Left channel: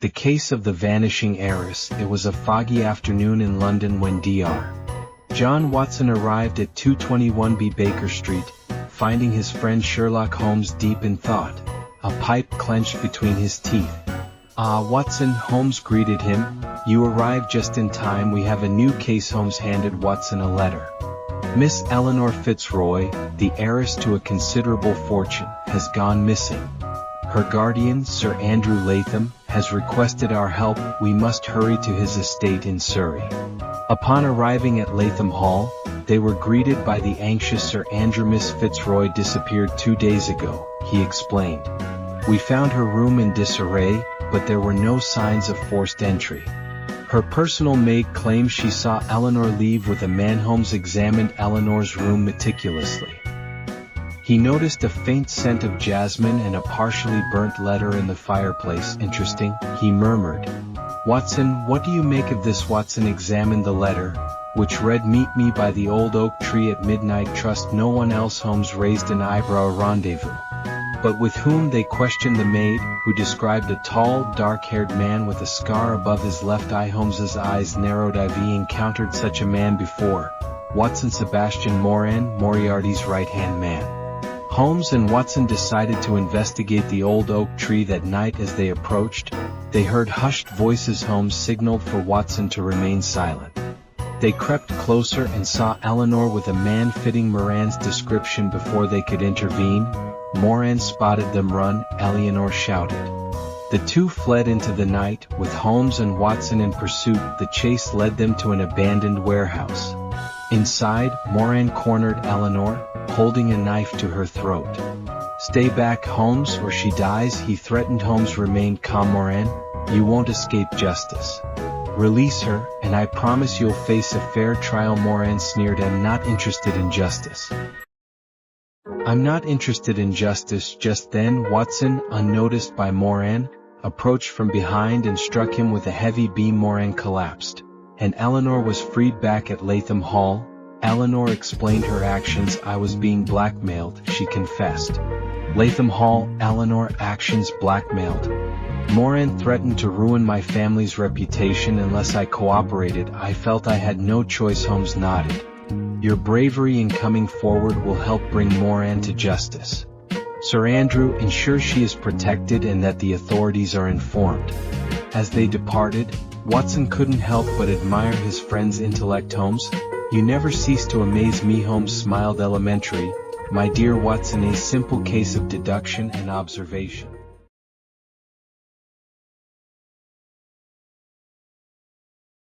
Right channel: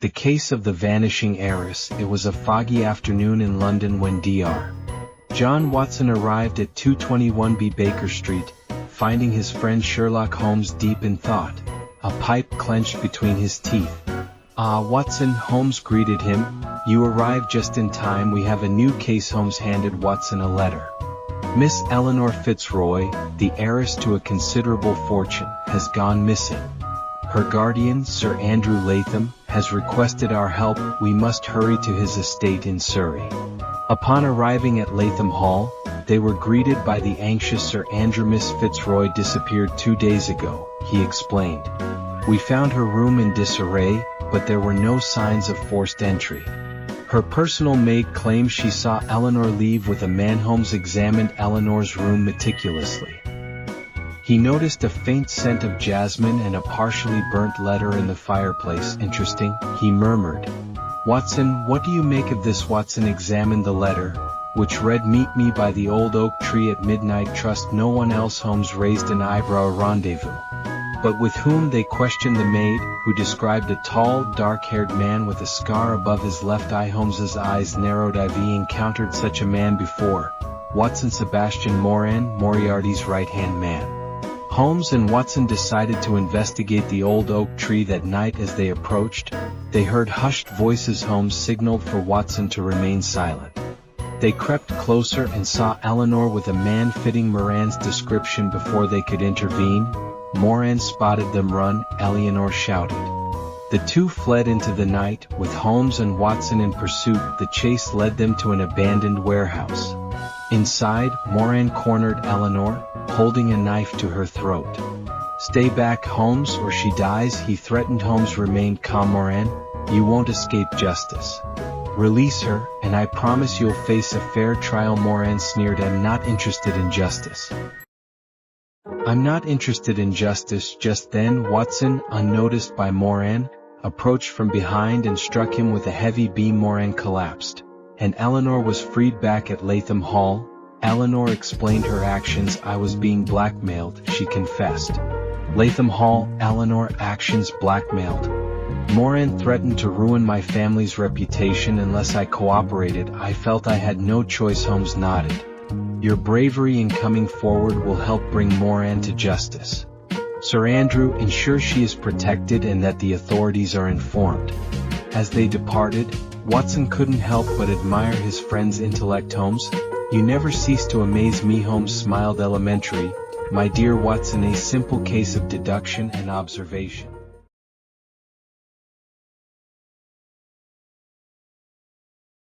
The case of the vanishing heiress. It was a foggy afternoon in London when Dr. John Watson arrived at 221B Baker Street, finding his friend Sherlock Holmes deep in thought, a pipe clenched between his teeth. "Ah, Watson," Holmes greeted him. "You arrived just in time. We have a new case." Holmes handed Watson a letter. "Miss Eleanor Fitzroy, the heiress to a considerable fortune, has gone missing. Her guardian, Sir Andrew Latham, has requested our help. We must hurry to his estate in Surrey." Upon arriving at Latham Hall, they were greeted by the anxious Sir Andrew. "Miss Fitzroy disappeared 2 days ago," he explained. "We found her room in disarray, but there were no signs of forced entry. Her personal maid claims she saw Eleanor leave with a man." Holmes examined Eleanor's room meticulously. He noticed a faint scent of jasmine and a partially burnt letter in the fireplace. "Interesting," he murmured. "Watson, what do you make of this?" Watson examined the letter, which read, "Meet me by the old oak tree at midnight. Trust no one else." Holmes raised an eyebrow. "A rendezvous? But with whom?" They questioned the maid, who described a tall, dark-haired man with a scar above his left eye. Holmes's eyes narrowed. "I've encountered such a man before, Watson. Sebastian Moran, Moriarty's right-hand man." Holmes and Watson decided to investigate the old oak tree that night. As they approached, they heard hushed voices. Holmes signaled for Watson to remain silent. They crept closer and saw Eleanor with a man fitting Moran's description. Before they could intervene, Moran spotted them. "Run!" Eleanor shouted. The two fled into the night, with Holmes and Watson in pursuit. The chase led them to an abandoned warehouse. Inside, Moran cornered Eleanor, holding a knife to her throat. "Stay back, Holmes, or she dies," he threatened. Holmes remained calm. "Moran, you won't escape justice. Release her, and I promise you'll face a fair trial." Moran sneered. "I'm not interested in justice." "I'm not interested in justice." Just then, Watson, unnoticed by Moran, approached from behind and struck him with a heavy beam. Moran collapsed, and Eleanor was freed. Back at Latham Hall, Eleanor explained her actions. "I was being blackmailed," she confessed. Latham Hall, Eleanor. "Actions blackmailed? Moran threatened to ruin my family's reputation unless I cooperated. I felt I had no choice." Holmes nodded. "Your bravery in coming forward will help bring Moran to justice. Sir Andrew, ensure she is protected and that the authorities are informed." As they departed, Watson couldn't help but admire his friend's intellect. "Holmes, you never cease to amaze me." Holmes smiled. "Elementary, my dear Watson, a simple case of deduction and observation."